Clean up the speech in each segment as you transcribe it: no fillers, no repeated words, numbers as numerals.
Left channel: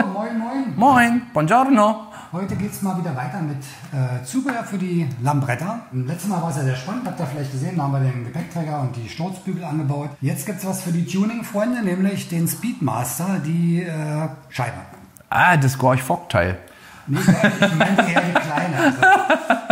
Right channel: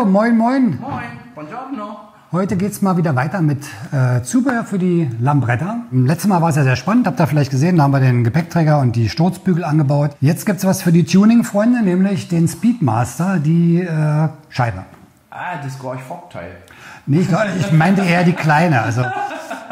So, moin, moin. Moin, buongiorno. Heute geht es mal wieder weiter mit Zubehör für die Lambretta. Letztes Mal war es ja sehr spannend, habt ihr vielleicht gesehen, da haben wir den Gepäckträger und die Sturzbügel angebaut. Jetzt gibt es was für die Tuning-Freunde, nämlich den Speedmaster, die Scheibe. Ah, das Gorch-Fock-Teil. Nee, ich meinte eher die kleine. Also,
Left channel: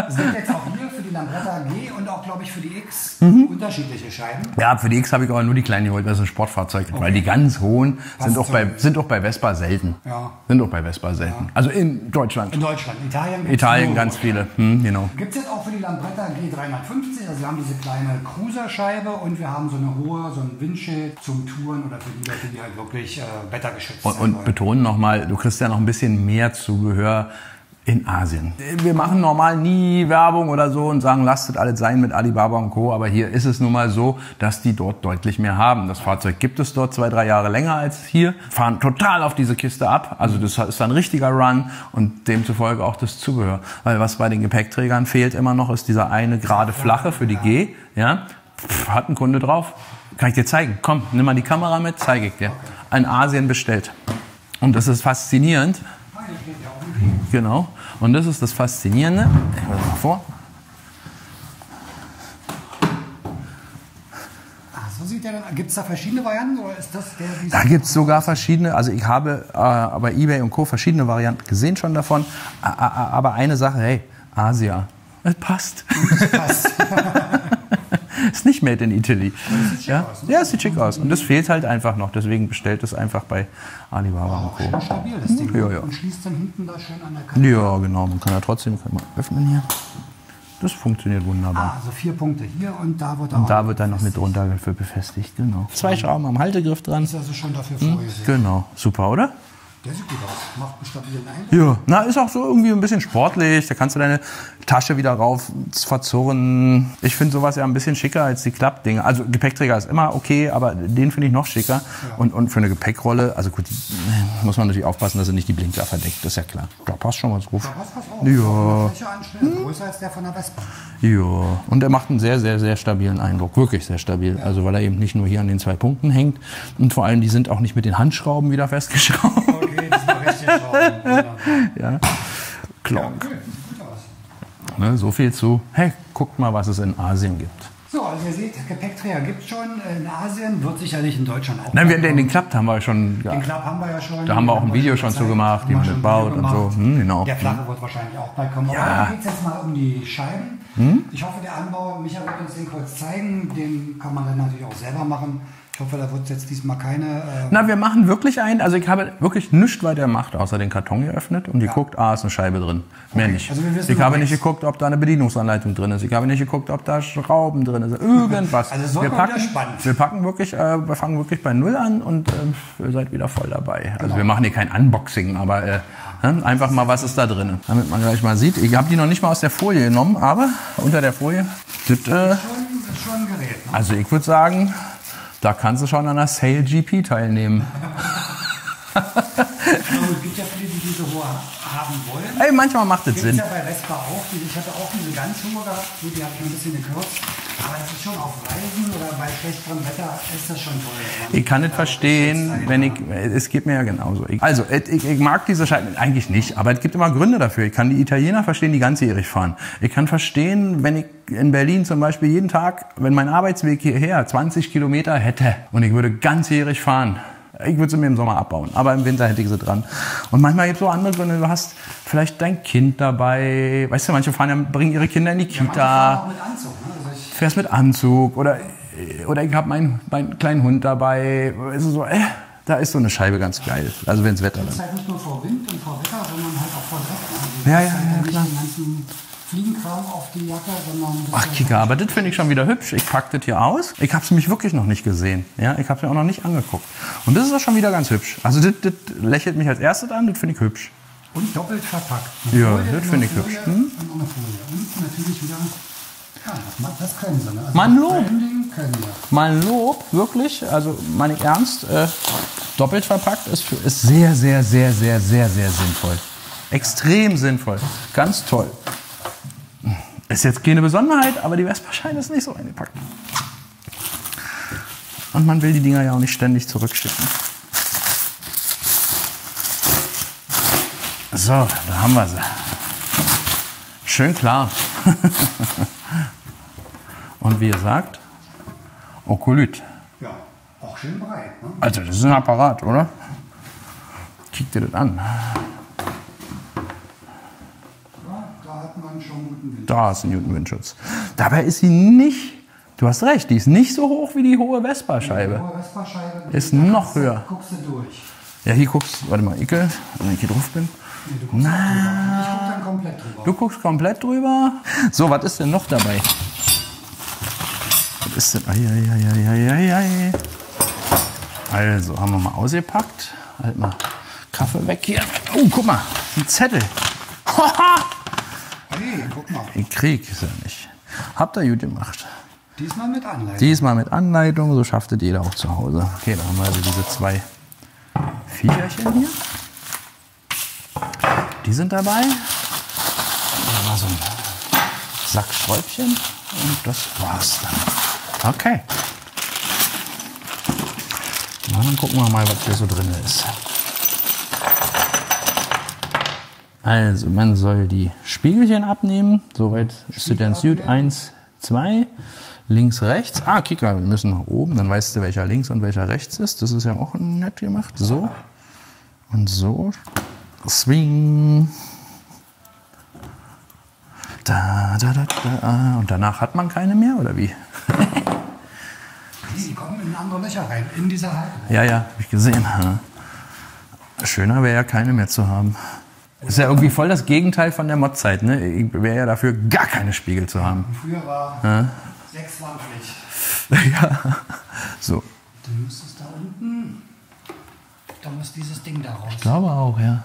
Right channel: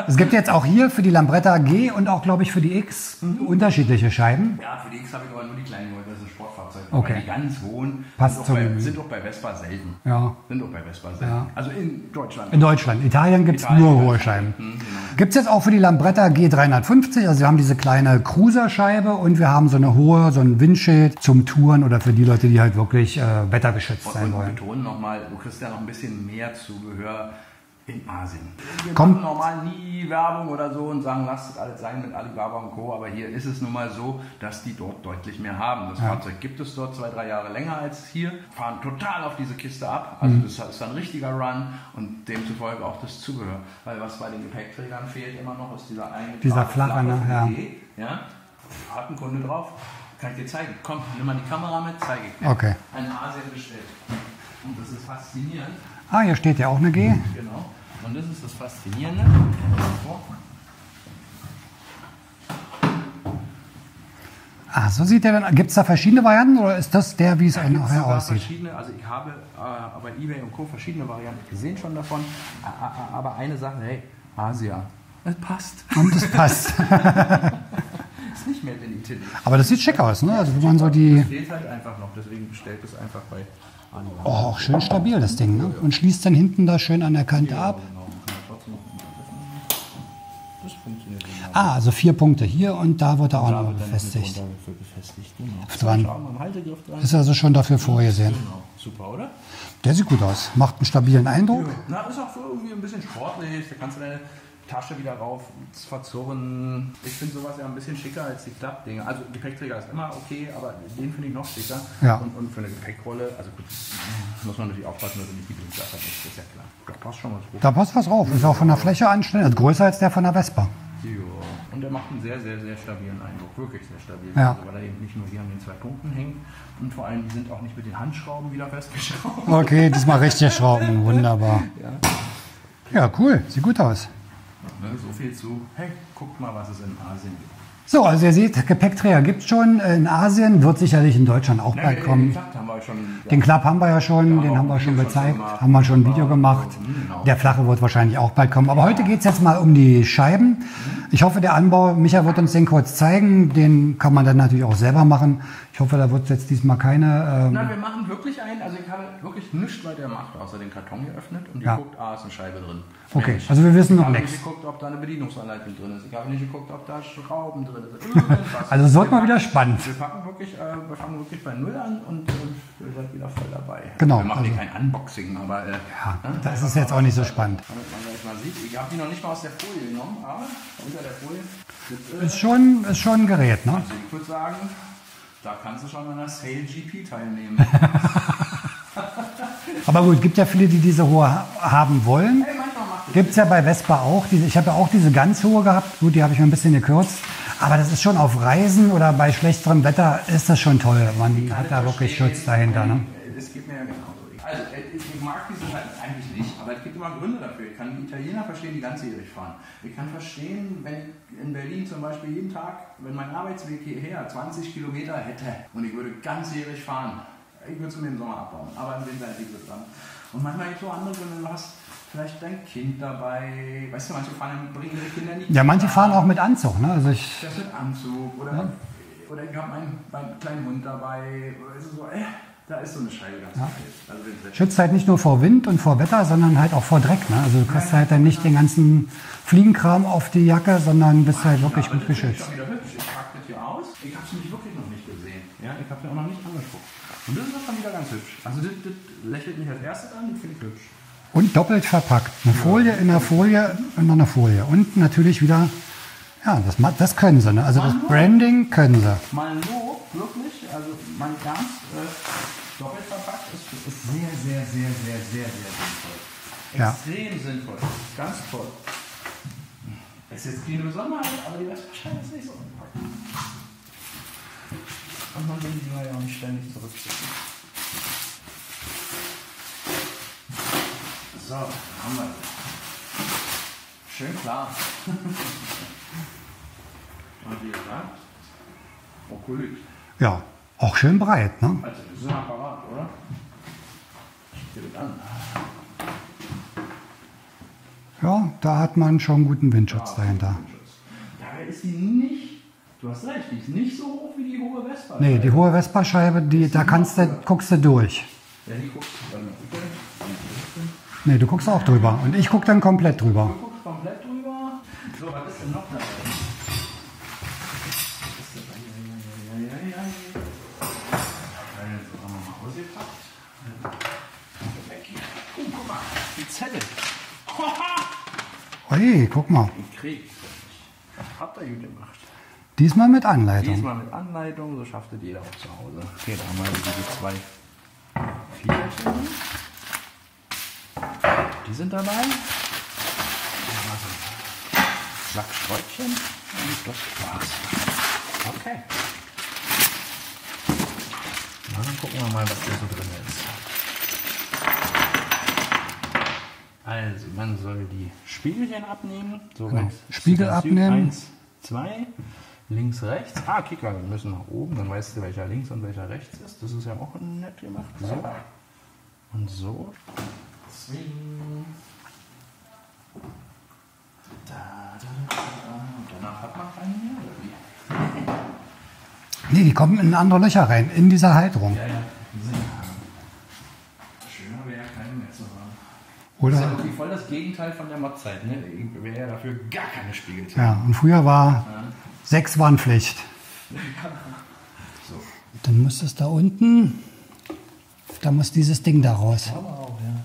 es gibt jetzt auch hier für die Lambretta G und auch, glaube ich, für die X unterschiedliche Scheiben. Ja, für die X habe ich aber nur die kleinen geholt, weil es ein Sportfahrzeug ist. Okay. Weil die ganz hohen Passt sind auch bei Vespa selten. Ja. Sind auch bei Vespa selten. Ja. Also in Deutschland. In Deutschland. Italien gibt es Italien nur ganz hohe viele. Scheiben. Genau. Gibt es jetzt auch für die Lambretta G350. Also wir haben diese kleine Cruiser-Scheibe und wir haben so eine hohe, so ein Windschild zum Touren oder für die Leute, die halt wirklich wettergeschützt sein wollen. Und betonen nochmal, du kriegst ja noch ein bisschen mehr Zubehör in Asien. Wir machen normal nie Werbung oder so und sagen, lasst es alles sein mit Alibaba und Co. Aber hier ist es nun mal so, dass die dort deutlich mehr haben. Das Fahrzeug gibt es dort 2-3 Jahre länger als hier. Fahren total auf diese Kiste ab. Also das ist ein richtiger Run und demzufolge auch das Zubehör. Weil was bei den Gepäckträgern fehlt immer noch, ist dieser eine gerade flache für die G. Ja? Hat ein Kunde drauf. Kann ich dir zeigen. Komm, nimm mal die Kamera mit, zeige ich dir. Okay. In Asien bestellt. Und das ist faszinierend. Ah, hier steht ja auch eine G. Genau. Und das ist das Faszinierende. Ich hole mal vor. Ah, so sieht der dann. Gibt es da verschiedene Varianten oder ist das der, wie es Da gibt es sogar verschiedene. Also ich habe bei eBay und Co. verschiedene Varianten gesehen schon davon. Aber eine Sache, hey, Asia. Das passt. Das passt. Ist nicht made in Italy. Aber das sieht schick aus, ne? Ja, das Also sieht schick so aus. Und das fehlt halt einfach noch. Deswegen bestellt es einfach bei Alibaba. Oh, auch schön stabil, das Ding. Ja, ja. Und schließt dann hinten da schön an der Kante Ja, ab. genau. Man kann ja trotzdem mal öffnen hier. Das funktioniert wunderbar. Ah, also 4 Punkte hier und da wird auch. Und da wird dann noch mit drunter befestigt. Genau. 2 Schrauben am Haltegriff dran. Ist also schon dafür vorgesehen. Genau. Super, oder? Der sieht gut aus. Macht einen stabilen Eindruck. Ja. Na, ist auch so irgendwie ein bisschen sportlich. Da kannst du deine Tasche wieder rauf verzurren. Ich finde sowas ja ein bisschen schicker als die Klappdinger. Also Gepäckträger ist immer okay, aber den finde ich noch schicker. Ja. Und für eine Gepäckrolle, also gut, muss man natürlich aufpassen, dass er nicht die Blinker verdeckt. Das ist ja klar. Da passt schon was drauf. Da passt was drauf. Ist auch von der Fläche anstellen. Also größer als der von der Vespa. Ja, und er macht einen sehr, sehr, sehr stabilen Eindruck. Wirklich sehr stabil. Ja. Also weil er eben nicht nur hier an den 2 Punkten hängt. Und vor allem, die sind auch nicht mit den Handschrauben wieder festgeschraubt. Okay, diesmal richtig schrauben. Wunderbar. Ja. Ja, cool. Sieht gut aus. Ne, so viel zu, hey, guckt mal, was es in Asien gibt. So, also ihr seht, Gepäckträger gibt es schon in Asien, wird sicherlich in Deutschland auch Nein, bald kommen. den Klappt haben wir schon. Den Klapp haben wir ja schon. Da haben wir auch den ein Video schon gezeigt, zu gemacht. Haben wir schon ein Video gebaut und gemacht. so. Genau. Der flache wird wahrscheinlich auch bald kommen. Aber Ja. heute geht es jetzt mal um die Scheiben. Ich hoffe, der Anbau, Micha wird uns den kurz zeigen. Den kann man dann natürlich auch selber machen. Ich hoffe, da wird es jetzt diesmal keine... Na, wir machen wirklich einen. Also ich habe wirklich nichts weiter gemacht, außer den Karton geöffnet und geguckt, ist eine Scheibe drin. Mehr Okay, nicht. also wir wissen ich noch habe nichts. nicht geguckt, ob da eine Bedienungsanleitung drin ist. Ich habe nicht geguckt, ob da Schrauben drin sind. Irgendwas. Also es wird Wir mal wieder packen- spannend. Wir fangen wirklich bei Null an und ihr seid wieder voll dabei. Genau. Also wir machen hier kein Unboxing, aber einfach ist mal, jetzt was auch ist nicht da so drin. spannend. Damit man gleich mal sieht. Ich habe die noch nicht mal aus der Folie genommen, aber unter der Folie gibt ist schon ein Gerät, ne? also ich würde sagen, da kannst du schon an der Sale GP teilnehmen. Aber gut, gibt ja viele, die diese hohe haben wollen. Hey, manchmal macht es Gibt es Sinn. ja bei Vespa auch. Ich habe ja auch diese ganz hohe gehabt. Gut, die habe ich mir ein bisschen gekürzt. Aber das ist schon auf Reisen oder bei schlechterem Wetter ist das schon toll. Ich kann nicht hat da wirklich verstehen, Schutz dahinter, wenn ich, ne? es geht mir ja genauso. Ich mag diese Scheiben eigentlich nicht, aber es gibt immer Gründe dafür. Ich kann die Italiener verstehen, die ganzjährig fahren. Ich kann verstehen, wenn ich in Berlin zum Beispiel jeden Tag, wenn mein Arbeitsweg hierher 20 Kilometer hätte und ich würde ganzjährig fahren, ich würde sie mir im Sommer abbauen, aber im Winter hätte ich sie dran. Und manchmal gibt es so andere Gründe, du hast vielleicht dein Kind dabei, weißt du, manche bringen ihre Kinder in die Kita. Ja, manche fahren auch mit Anzug. Ne? Also Fährst mit Anzug oder ich habe meinen kleinen Hund dabei. Also so, da ist so eine Scheibe ganz geil. Also wenn es Wetter schützt halt nicht nur vor Wind und vor Wetter, sondern halt auch vor Dreck. Ne? Also du Ja, hast ja, halt dann ja, nicht klar. den ganzen Fliegenkram auf die Jacke, sondern bist halt Kika, wirklich aber das finde ich geschützt. schon wieder hübsch. Ich packe das hier aus. Ich habe es mich wirklich noch nicht gesehen. Ja, ich habe es mir auch noch nicht angeguckt. Und das ist auch schon wieder ganz hübsch. Also das lächelt mich als erstes an, das finde ich hübsch. Und doppelt verpackt. Eine Ja, Folie das in der finde ich Folie und noch eine Folie. Und natürlich wieder, ja, das können sie. Ne? Also Mann, das Branding können sie. Mal ein Lob, wirklich, also meine ich ernst, doppelt verpackt ist sehr, sehr, sehr, sehr, sehr, sehr sinnvoll. Extrem sinnvoll. Ganz toll. Ist jetzt keine Besonderheit, aber die Vespa-Scheine ist nicht so eingepackt. Und man will die Dinger ja auch nicht ständig zurückschicken. So, da haben wir sie. Schön klar. Und wie gesagt, Okolyt. Ja, auch schön breit. Ne? Also das ist ein Apparat, oder? Kick dir das an. Ja, da hat man schon guten Windschutz. Da ist ein guter Windschutz. Dabei ist sie nicht, du hast recht, die ist nicht so hoch wie die hohe Vespa-Scheibe. Nee, die hohe Vespa-Scheibe, Ist da noch höher. guckst du durch. Ja, hier guckst, warte mal, Icke, wenn ich hier drauf bin. Nee, du guckst auch drüber. Und ich guck dann komplett drüber. Du guckst komplett drüber. So, was ist denn noch dabei? Was ist denn? Ei. Also, haben wir mal ausgepackt. Halt mal Kaffee weg hier. Oh, guck mal, ein Zettel. Hey, guck mal. Den Krieg ist ja nicht. Habt ihr gut gemacht. Diesmal mit Anleitung. Diesmal mit Anleitung, so schafft es jeder auch zu Hause. Okay, da haben wir also diese zwei Viecherchen hier. Die sind dabei. Dann haben wir so ein Sack Schräubchen und das war's dann. Okay. Na, dann gucken wir mal, was hier so drin ist. Also, man soll die Spiegelchen abnehmen. Soweit ist sie ganz gut. 1, 2, links, rechts. Ah, Kika, wir müssen nach oben. Dann weißt du, welcher links und welcher rechts ist. Das ist ja auch nett gemacht. So und so. Swing. Da. Und danach hat man keine mehr, oder wie? Nee, die kommen in andere Löcher rein, in diese Halterung. Ja, hab ich gesehen. Schöner wäre ja keine mehr zu haben. Oder Das ist ja irgendwie voll das Gegenteil von der Mod-Zeit. Ne? Ich wäre ja dafür, gar keine Spiegel zu haben. Und früher war 6 waren Pflicht. Ja. So. Dann müsste es da unten, da muss dieses Ding da raus. Ich glaube auch, ja.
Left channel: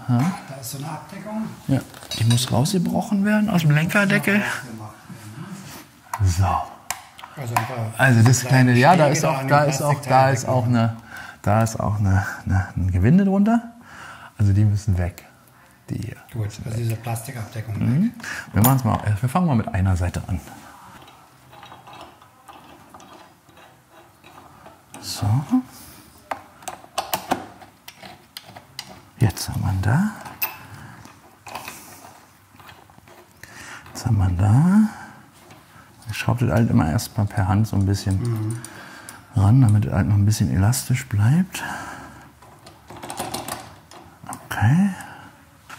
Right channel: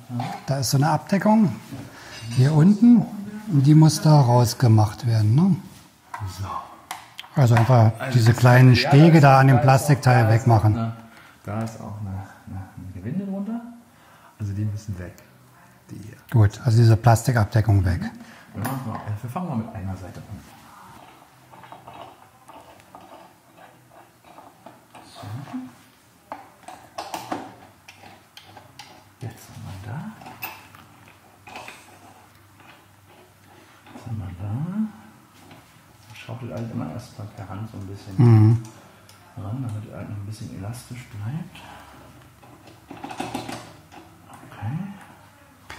Da ist so eine Abdeckung. Ja. Die muss Hier rausgebrochen werden aus und dem die muss da Lenkerdeckel. rausgemacht werden. Ne? So. Also einfach Also diese das kleine ja, Stege ist da auch- an dem ist auch- Plastikteil wegmachen. Da ist auch ein Gewinde drunter. Also die müssen weg. Die hier. Gut, also diese Plastikabdeckung weg. Wir machen's mal. Wir fangen mal mit einer Seite an. So. Jetzt haben wir da. Jetzt haben wir da. Ich schraube das halt immer erstmal per Hand so ein bisschen ran, damit es halt noch ein bisschen elastisch bleibt. Okay.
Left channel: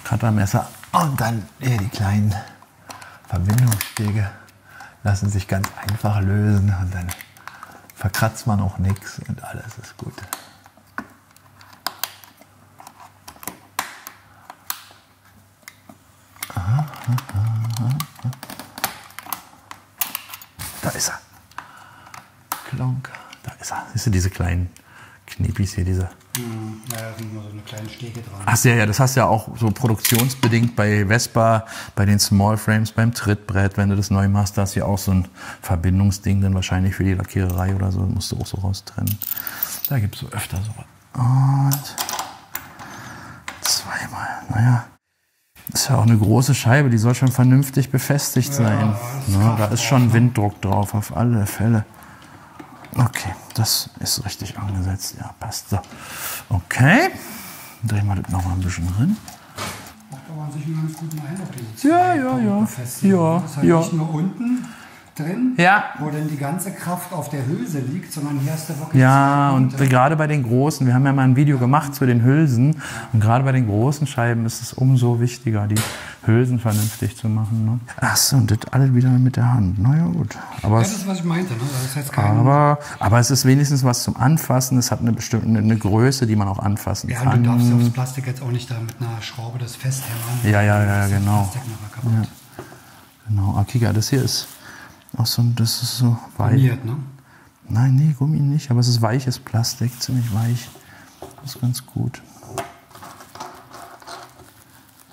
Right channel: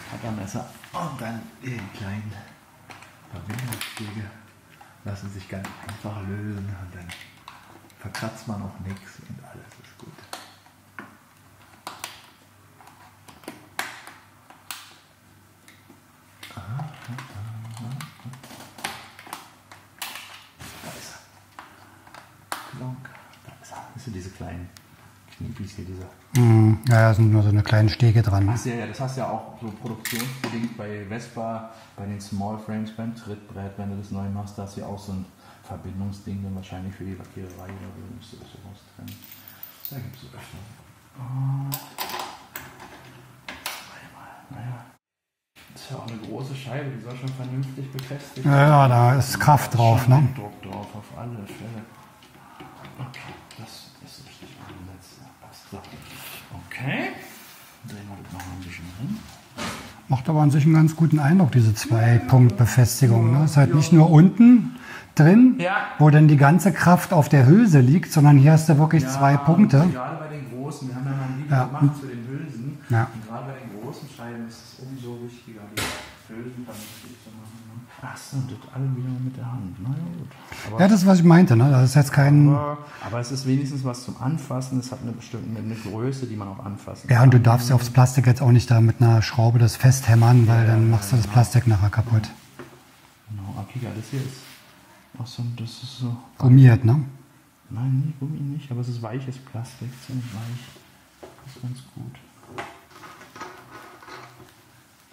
Cuttermesser und dann hier die kleinen Verbindungsstege lassen sich ganz einfach lösen und dann verkratzt man auch nichts und alles ist gut. Da ist er. Klonk. Da ist er. Siehst du diese kleinen Knipis hier, diese. Ja, da sind nur so eine kleine Stege dran. Ach ja, das hast du ja auch so produktionsbedingt bei Vespa, bei den Small Frames, beim Trittbrett, wenn du das neu machst, da hast du ja auch so ein Verbindungsding dann wahrscheinlich für die Lackiererei oder so, musst du auch so raustrennen. Da gibt es so öfter so. Und zweimal, naja. Das ist ja auch eine große Scheibe, die soll schon vernünftig befestigt sein. Ja, da ist Kraft da ist drauf, schon ne? Winddruck drauf, auf alle Fälle. Okay, das ist richtig angesetzt. Ja, passt so. Okay, drehen wir das noch mal ein bisschen drin. Macht aber an sich einen ganz guten Eindruck, diese Ja, Zwei-Punkt-Befestigung. ja. Das ist halt Ja. nicht nur unten drin, Ja. wo dann die ganze Kraft auf der Hülse liegt, sondern hier hast du wirklich zwei und Punkte. gerade bei den großen, wir haben ja mal ein Video gemacht zu den Hülsen. Ja. Und gerade bei den großen Scheiben ist es umso wichtiger, die Hülsen vernünftig zu machen. Ne? Ach so, und das alles wieder mit der Hand. Na ja, gut. Aber Ja, das ist, was ich meinte. Ne? Das ist jetzt kein... aber es ist wenigstens was zum Anfassen. Es hat eine bestimmte eine Größe, die man auch anfassen Ja, kann. und du darfst ja aufs Plastik jetzt auch nicht da mit einer Schraube das festhämmern, weil Ja, dann ja, machst du das genau. Plastik nachher kaputt. Genau, ah, Kika, das hier ist auch so, das ist so weich. Gummiert, ne? Nein, nee, Gummi nicht, aber es ist weiches Plastik, ziemlich weich. Das ist ganz gut.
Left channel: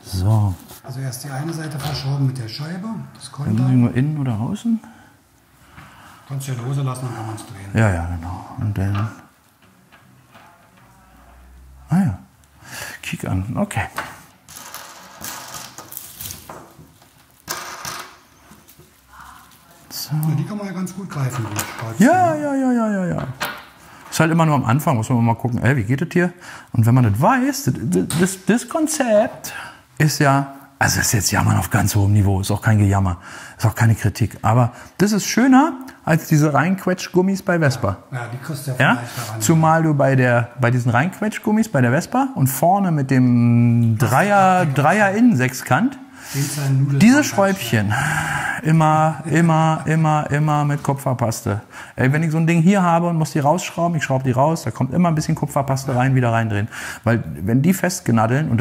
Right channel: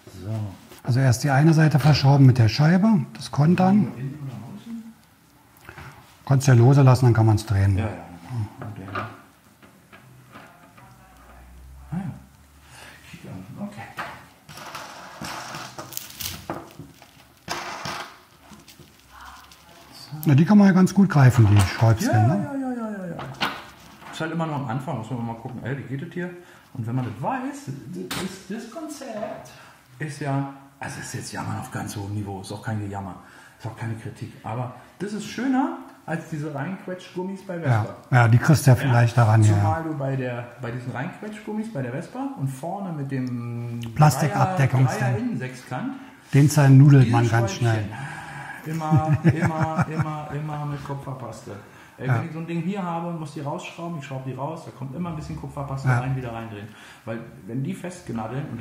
So. Also erst die eine Seite verschrauben mit der Scheibe, das Kontern. Nur innen oder außen? Kannst du ja lose lassen, dann kann man es drehen. Ja, ja, genau. Und dann. Ah ja. Kick an. Okay. So. Ja, die kann man ja ganz gut greifen, die Schräubchen. Ja. Ist halt immer nur am Anfang, muss man mal gucken, wie geht das hier? Und wenn man das weiß, das Konzept, ist ja, also das ist jetzt Jammern auf ganz hohem Niveau, ist auch kein Gejammer, ist auch keine Kritik. Aber das ist schöner als diese Reinquetschgummis bei Vespa. Ja, die kriegst du ja vielleicht daran. Zumal du bei diesen Reinquetschgummis bei der Vespa und vorne mit dem Dreier Innensechskant, diese Schräubchen, immer mit Kupferpaste. Ey, wenn ich so ein Ding hier habe und muss die rausschrauben, ich schraube die raus, da kommt immer ein bisschen Kupferpaste rein, wieder reindrehen. Weil wenn die festgenaddeln und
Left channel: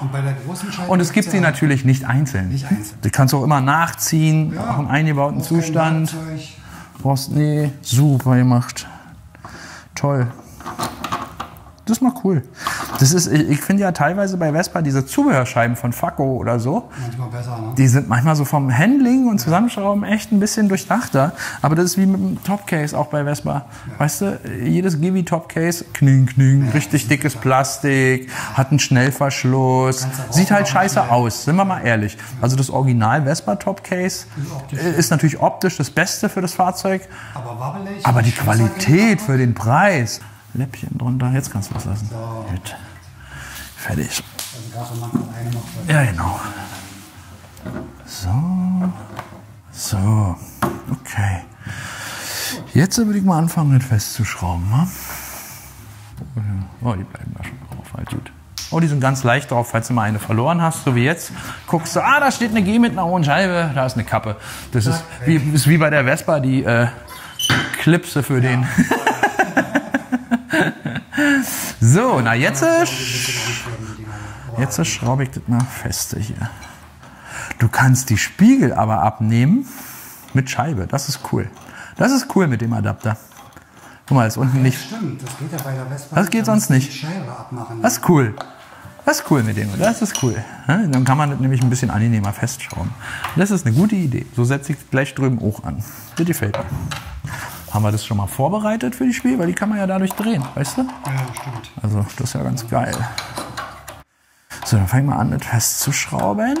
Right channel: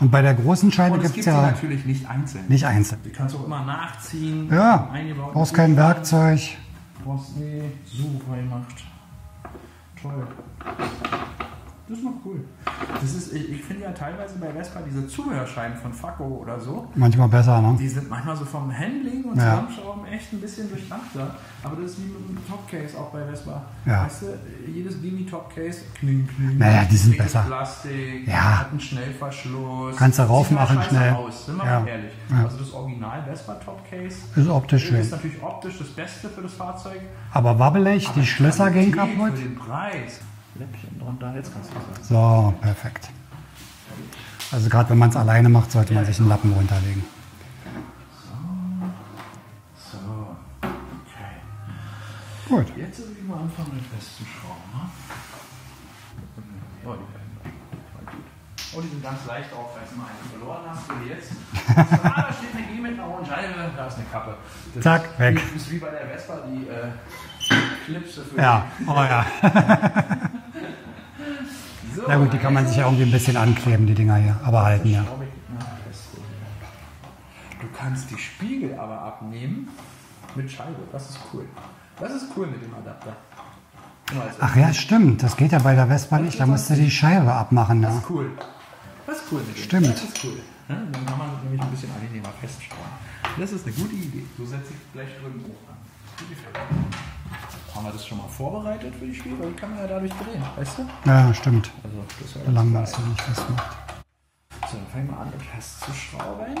und bei der großen Scheibe. Und es gibt sie natürlich nicht einzeln. Nicht einzeln. Die kannst du auch immer nachziehen, im eingebauten brauchst Zustand. kein Werkzeug. Nee, super gemacht. Toll. Das ist mal cool. Ich finde ja teilweise bei Vespa diese Zubehörscheiben von Facco oder so. Manchmal besser, ne? Die sind manchmal so vom Handling und Zusammenschrauben echt ein bisschen durchdachter. Aber das ist wie mit dem Topcase auch bei Vespa. Ja. Weißt du, jedes Givi Topcase, kning, richtig dickes Plastik, hat einen Schnellverschluss. Sieht halt scheiße aus, sind wir mal ehrlich. Ja. Also das Original Vespa Topcase ist natürlich optisch das Beste für das Fahrzeug. Aber wabbelig. Aber die Qualität für den Preis. Läppchen drunter, jetzt kannst du das lassen. So, perfekt. Fertig. Also gerade wenn man es alleine macht, sollte man einen Lappen runterlegen. So, okay. Gut. Jetzt würde ich mal anfangen, das festzuschrauben. Ne? Oh, die bleiben da schon drauf, halt gut. Oh, die sind ganz leicht drauf, falls du mal eine verloren hast, so wie jetzt. Guckst du, da steht eine G mit einer hohen Scheibe, da ist eine Kappe. Das ist wie bei der Vespa, die Klipse für den. Oh ja. So, ja, na jetzt. Kann man sich auch ein bisschen ankleben, die Dinger hier. Aber jetzt schraube ich das mal feste hier. Du kannst die Spiegel aber abnehmen mit Scheibe. Das ist cool. Das ist cool mit dem Adapter. Guck mal, das ist unten nicht. Stimmt. Das geht ja bei der Vespa nicht. Das geht sonst nicht. Die Scheibe abmachen. Das ist cool. Das ist cool mit dem. Stimmt. Das ist cool. Dann kann man das nämlich ein bisschen angenehmer festschrauben. Das ist eine gute Idee. So setze ich gleich drüben auch an. Das gefällt mir. Haben wir das schon mal vorbereitet für die Spiel? Weil die kann man ja dadurch drehen, weißt du? Ja, stimmt. Also das ist ja ganz geil. So, dann fangen wir an, das festzuschrauben.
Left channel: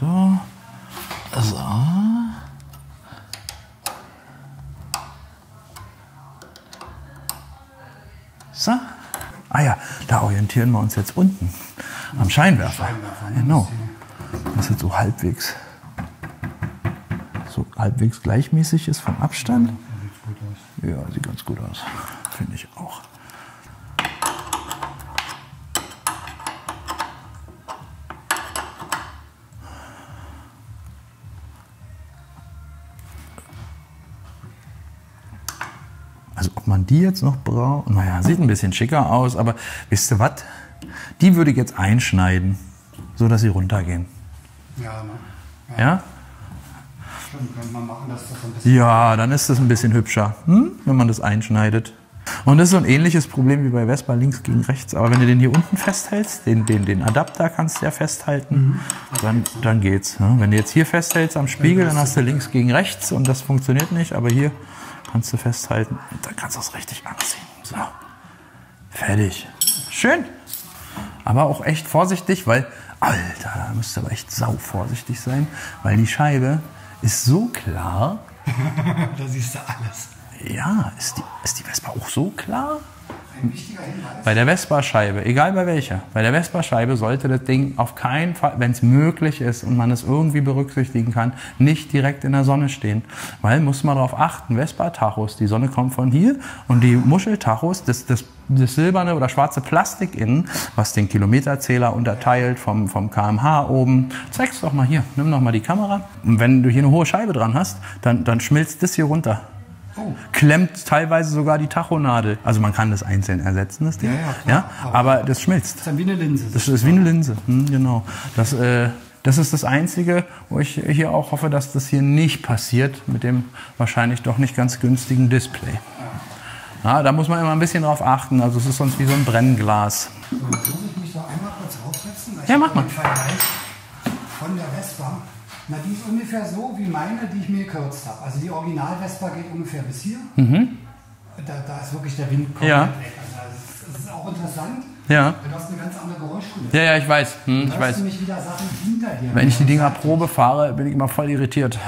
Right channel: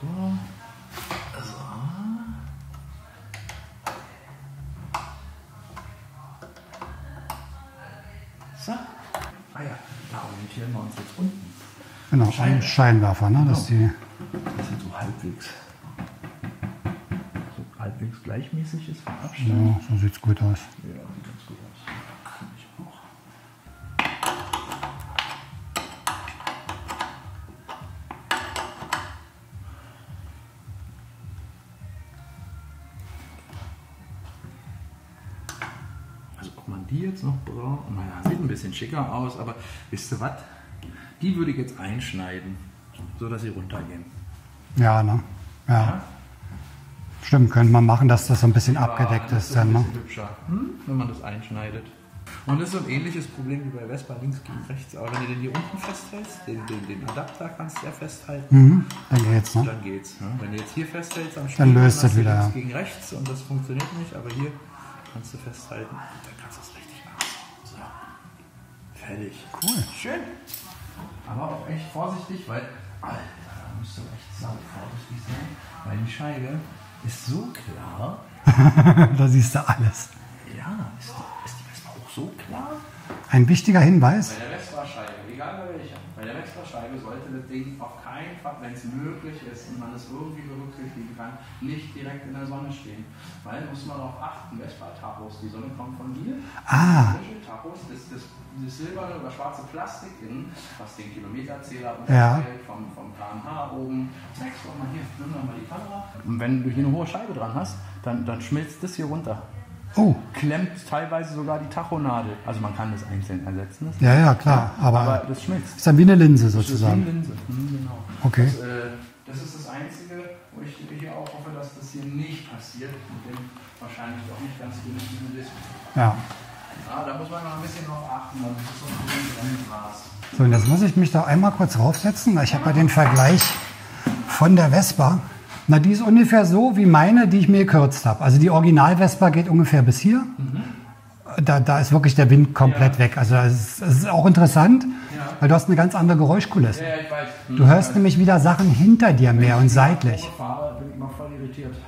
So. So. Ah ja, da orientieren wir uns jetzt unten. Genau, am Scheinwerfer. Scheinwerfer, ne? Genau. Das jetzt so halbwegs gleichmäßig ist vom Abstand. Ja, so sieht es gut aus. Ja, sieht ganz gut aus. Finde ich auch. Also ob man die jetzt noch braucht, naja, sieht ein bisschen schicker aus, aber wisst ihr was? Die würde ich jetzt einschneiden, so dass sie runtergehen. Ja, ne? Ja? Stimmt, könnte man machen, dass das so ein bisschen... Ja, dann ist das ein bisschen hübscher, wenn man das einschneidet. Und das ist so ein ähnliches Problem wie bei Vespa, links gegen rechts. Aber wenn du den hier unten festhältst, den Adapter kannst du ja festhalten, dann geht's. Ne? Wenn du jetzt hier festhältst am Spiegel, dann hast du links gegen rechts und das funktioniert nicht. Aber hier kannst du festhalten und dann kannst du es richtig anziehen. So, fertig. Cool. Schön. Aber auch echt vorsichtig, weil, Alter, da müsst ihr aber echt sau vorsichtig sein, weil die Scheibe ist so klar. Da siehst du alles. Ja, ist die Vespa auch so klar? Ein wichtiger Hinweis. Bei der Vespa-Scheibe, egal bei welcher, bei der Vespa-Scheibe sollte das Ding auf keinen Fall, wenn es möglich ist und man es irgendwie berücksichtigen kann, nicht direkt in der Sonne stehen. Weil, muss man darauf achten, Vespa-Tachos, die Sonne kommt von hier und die Muscheltachos, das silberne oder schwarze Plastik innen, was den Kilometerzähler unterteilt vom kmh oben. Zeig's doch mal hier, nimm doch mal die Kamera. Und wenn du hier eine hohe Scheibe dran hast, dann schmilzt das hier runter. Oh. Klemmt teilweise sogar die Tachonadel. Also man kann das einzeln ersetzen. Das ja, klar. Ja, aber das schmilzt. Das ist ja wie eine Linse. Das ist wie eine Linse, genau. Okay. Das ist das Einzige, wo ich hier auch hoffe, dass das hier nicht passiert mit dem wahrscheinlich doch nicht ganz günstigen Display. Ja. Ja, da muss man immer ein bisschen drauf achten. Also es ist sonst wie so ein Brennglas. So, jetzt muss ich mich da einmal kurz raufsetzen. Ich habe den Vergleich von der Vespa. Na, die ist ungefähr so wie meine, die ich mir gekürzt habe. Also die Original-Vespa geht ungefähr bis hier. da ist wirklich der Wind komplett weg. Also es ist auch interessant, weil du hast eine ganz andere Geräuschkulisse. Ja, ich weiß. Du hörst nämlich wieder Sachen hinter dir. Wenn ich die Dinger Probe fahre, bin ich immer voll irritiert.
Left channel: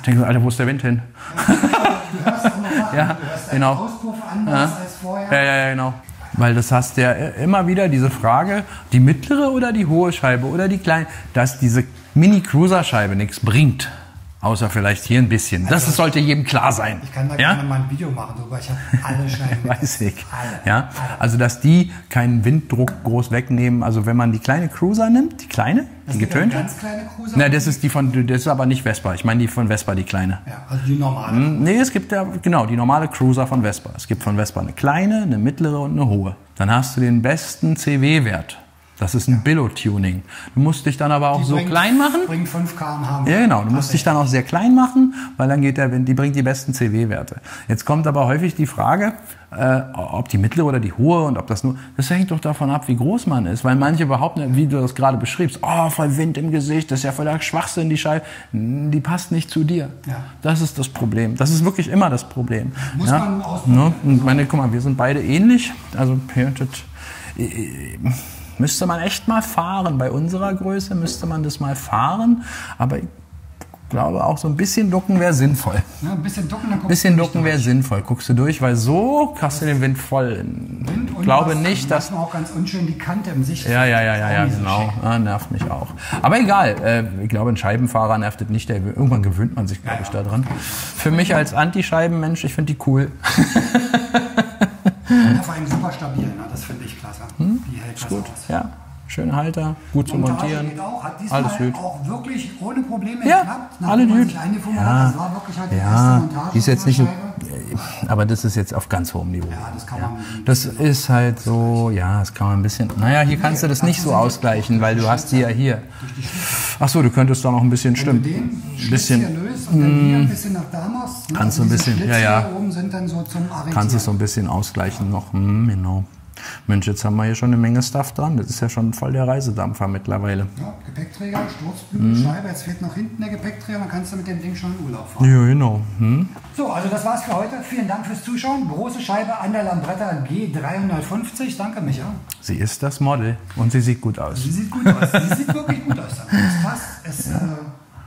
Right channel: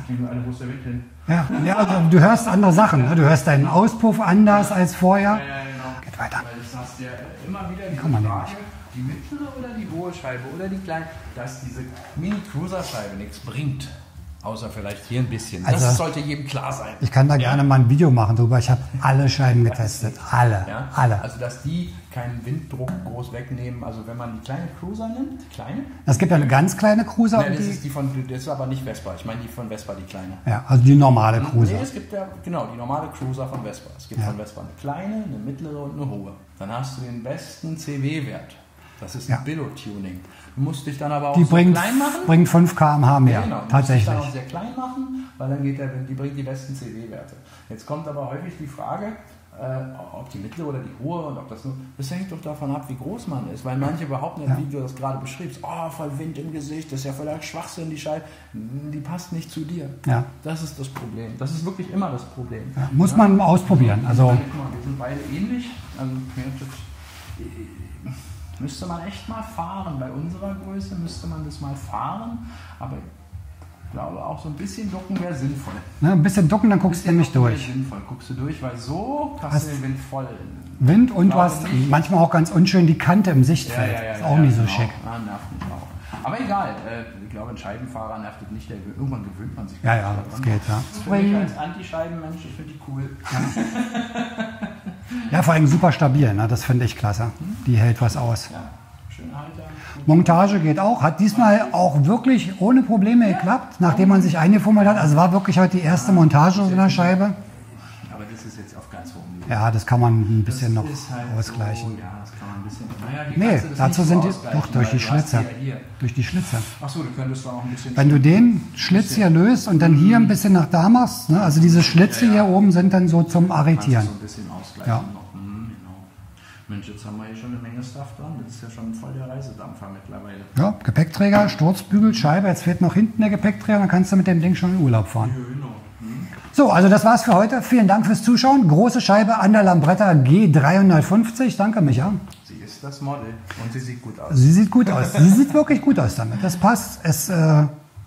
Ich denke so, Alter, wo ist der Wind hin? Ja, du hörst andere Sachen. Ne? Du hörst deinen Auspuff anders als vorher. Ja, genau. Weil das hast ja immer wieder diese Frage, die mittlere oder die hohe Scheibe oder die kleine, dass diese Mini-Cruiser-Scheibe nichts bringt. Außer vielleicht hier ein bisschen. Also, das sollte jedem klar sein. Ich kann da gerne mal ein Video machen drüber. Ich habe alle Scheiben getestet. Alle. Also, dass die keinen Winddruck groß wegnehmen. Also, wenn man die kleine Cruiser nimmt, die kleine. Es gibt eine ganz kleine Cruiser. Na, das ist aber nicht Vespa. Ich meine die von Vespa, die kleine. Ja, also die normale Cruiser. Nee, es gibt die normale Cruiser von Vespa. Es gibt von Vespa eine kleine, eine mittlere und eine hohe. Dann hast du den besten CW-Wert. Das ist ein Billo-Tuning. Du musst dich dann aber auch so klein machen. Bringt 5 km/h mehr. Ja, genau. Du musst dich dann auch sehr klein machen, weil dann geht der Wind, die bringt die besten CW-Werte. Jetzt kommt aber häufig die Frage, ob die mittlere oder die hohe und ob das nur... Das hängt doch davon ab, wie groß man ist. Weil manche behaupten, wie du das gerade beschriebst, voll Wind im Gesicht, das ist ja voll der Schwachsinn, die Scheibe. Die passt nicht zu dir. Ja. Das ist das Problem. Das ist wirklich immer das Problem. Muss man ausprobieren. Ne? Also, guck mal, wir sind beide ähnlich. Also, müsste man echt mal fahren. Bei unserer Größe müsste man das mal fahren. Aber ich glaube, auch so ein bisschen ducken wäre sinnvoll. Ja, ein bisschen ducken, dann guckst du durch. Ein bisschen ducken wäre sinnvoll. Guckst du durch, weil so hast du den Wind voll. Wind und glaube nicht, manchmal auch ganz unschön die Kante im Sichtfeld. Ja, genau. Nervt mich auch. Aber egal. Ich glaube, ein Scheibenfahrer nervt das nicht. Irgendwann gewöhnt man sich, glaube ich, daran. Geht, Für mich als Anti-Scheibenmensch, ich finde die cool. Ja, vor allem super stabil, ne? Das finde ich klasse. Die hält was aus. Ja, schöne Halter. Gut Montage geht auch. Hat diesmal auch wirklich ohne Probleme geklappt, nachdem man sich eingefummelt hat. Also war wirklich heute die erste Montage dieser Scheibe. Aber das ist jetzt auf ganz hohem Niveau. Ja, das kann man ein bisschen Das ist halt so, das kann man ein bisschen... Naja, hier kannst du das nicht so ausgleichen, weil du hast sie ja hier. Durch die Schlitzer. Achso, du könntest da noch ein bisschen... Wenn du den Schlitz hier löst und dann hier ein bisschen nach da machst, ne? Also diese Schlitze hier oben sind dann so zum Arretieren. Kannst du so ein bisschen ausgleichen noch. Genau. Mensch, jetzt haben wir hier schon eine Menge Stuff dran. Das ist ja schon voll der Reisedampfer mittlerweile. Ja, Gepäckträger, Sturzbügel, Scheibe. Jetzt fehlt noch hinten der Gepäckträger. Dann kannst du mit dem Ding schon in Urlaub fahren. Ja, genau. So, also das war's für heute. Vielen Dank fürs Zuschauen. Große Scheibe an der Lambretta G350. Danke, Micha. Sie ist das Model und sie sieht gut aus. Sie sieht gut aus. Sie sieht wirklich gut aus damit. Das passt. Es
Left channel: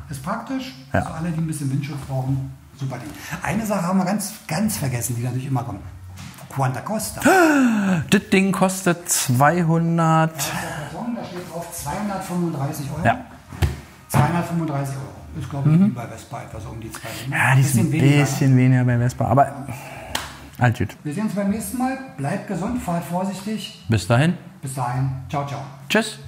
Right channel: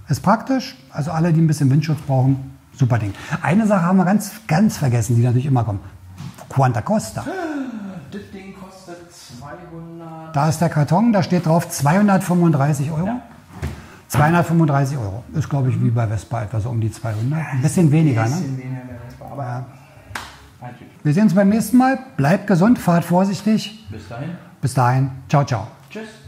ist praktisch. Ja. Also alle, die ein bisschen Windschutz brauchen, super Ding. Eine Sache haben wir ganz vergessen, die natürlich immer kommt. Quanta Costa. Das Ding kostet 200... Da ist der Karton, da steht drauf 235 €. Ja. 235 €. Ist, glaube ich, wie bei Vespa etwa so um die 200. Ja, ein bisschen weniger bei Vespa, aber alt gut. Wir sehen uns beim nächsten Mal. Bleibt gesund, fahrt vorsichtig. Bis dahin. Bis dahin. Ciao, ciao. Tschüss.